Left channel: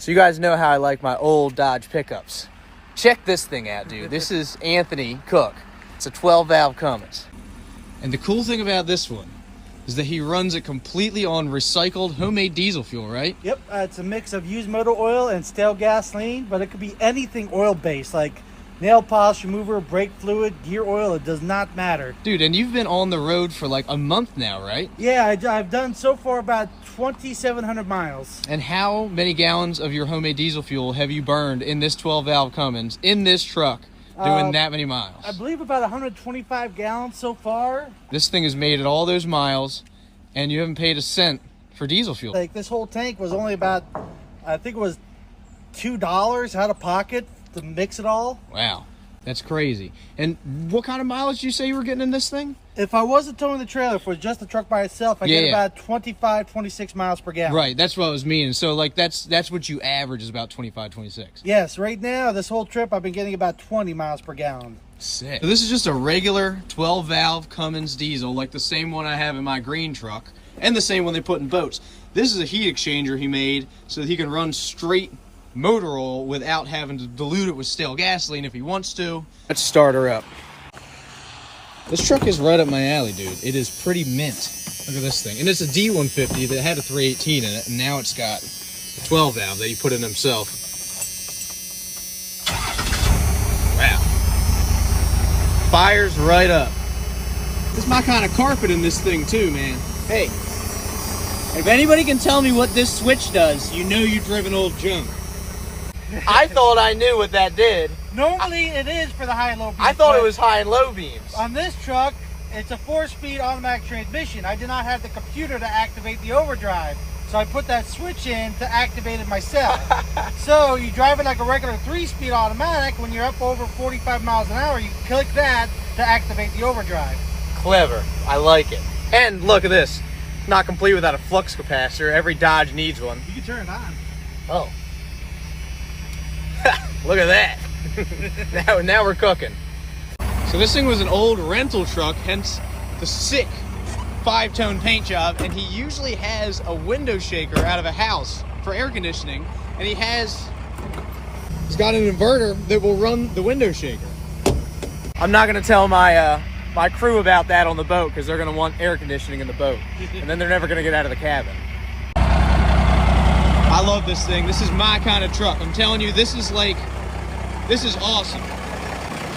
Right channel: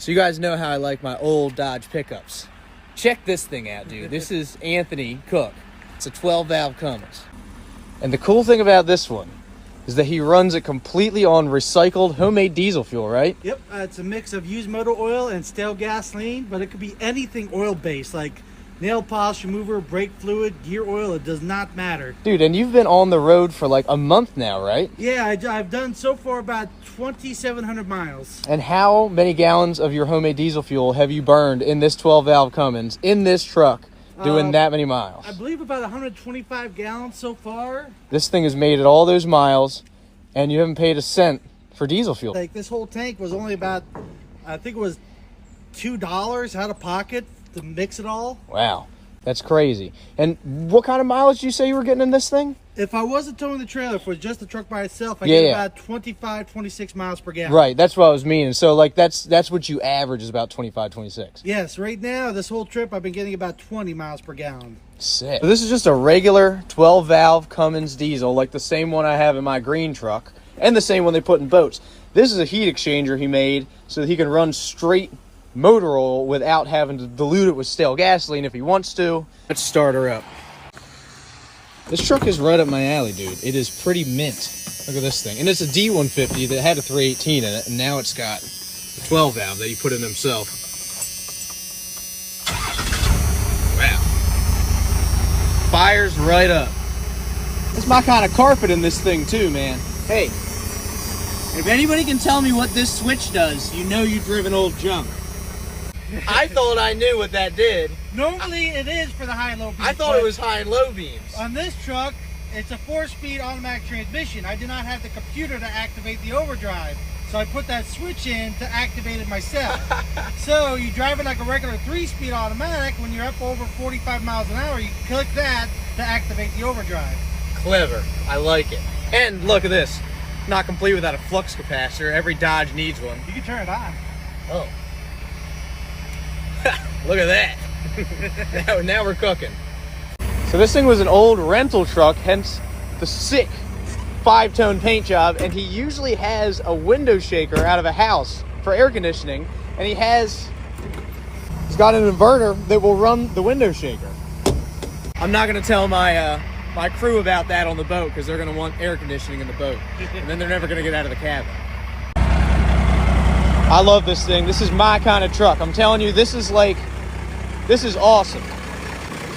So you guys know how I like my old Dodge pickups. Check this thing out, dude. This is Anthony Cook. It's a 12-valve Cummins. And the cool thing about this one is that he runs it completely on recycled homemade diesel fuel, right? Yep, it's a mix of used motor oil and stale gasoline, but it could be anything oil-based, like nail polish remover, brake fluid, gear oil. It does not matter. Dude, and you've been on the road for like a month now, right? Yeah, I've done so far about 2,700 miles. And how many gallons of your homemade diesel fuel have you burned in this 12-valve Cummins, in this truck, doing that many miles? I believe about 125 gallons so far. This thing has made it all those miles, and you haven't paid a cent for diesel fuel. Like, this whole tank was only about, I think it was $2 out of pocket to mix it all. Wow, that's crazy. And what kind of mileage did you say you were getting in this thing? If I wasn't towing the trailer, if it was just the truck by itself, I get about 25, 26 miles per gallon. Right, that's what I was meaning. So, like, that's what you average is about 25, 26. Yes, right now, this whole trip, I've been getting about 20 miles per gallon. Sick. So this is just a regular 12-valve Cummins diesel, like the same one I have in my green truck, and the same one they put in boats. This is a heat exchanger he made so that he can run straight motor oil without having to dilute it with stale gasoline if he wants to. Let's start her up. This truck is right up my alley, dude. It is pretty mint. Look at this thing. And it's a D150 that had a 318 in it, and now it's got a 12-valve that he put in himself. Wow. Fires right up. It's my kind of carpet in this thing too, man. Hey, if anybody can tell me what this switch does, you know you've driven old junk. I thought I knew what that did. Normally, it is for the high and low beams. I thought it was high and low beams. On this truck, it's a 4-speed automatic transmission. I did not have the computer to activate the overdrive. So I put that switch in to activate it myself. So you drive it like a regular 3-speed automatic. When you're up over 45 miles an hour, you click that to activate the overdrive. Clever. I like it. And look at this. Not complete without a flux capacitor. Every Dodge needs one. You can turn it on. Oh. Look at that. now we're cooking. So this thing was an old rental truck, hence the sick 5-tone paint job, and he usually has a window shaker out of a house for air conditioning, and he's got an inverter that will run the window shaker. I'm not gonna tell my my crew about that on the boat because they're gonna want air conditioning in the boat, and then they're never gonna get out of the cabin. I love this thing. This is my kind of truck. I'm telling you, this is awesome.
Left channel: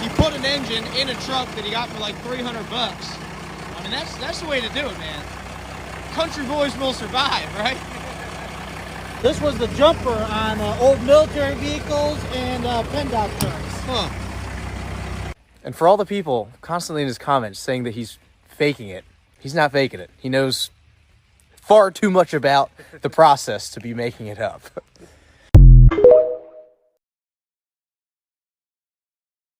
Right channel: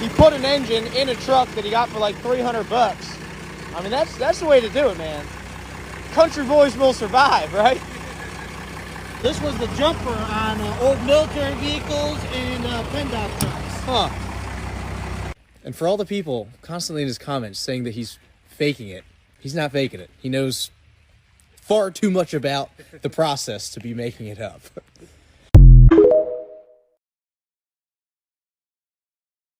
He put an engine in a truck that he got for like 300 bucks. I mean, that's the way to do it, man. Country boys will survive, right? This was the jumper on old military vehicles and PennDOT trucks. Huh. And for all the people constantly in his comments saying that he's faking it, he's not faking it. He knows far too much about the process to be making it up.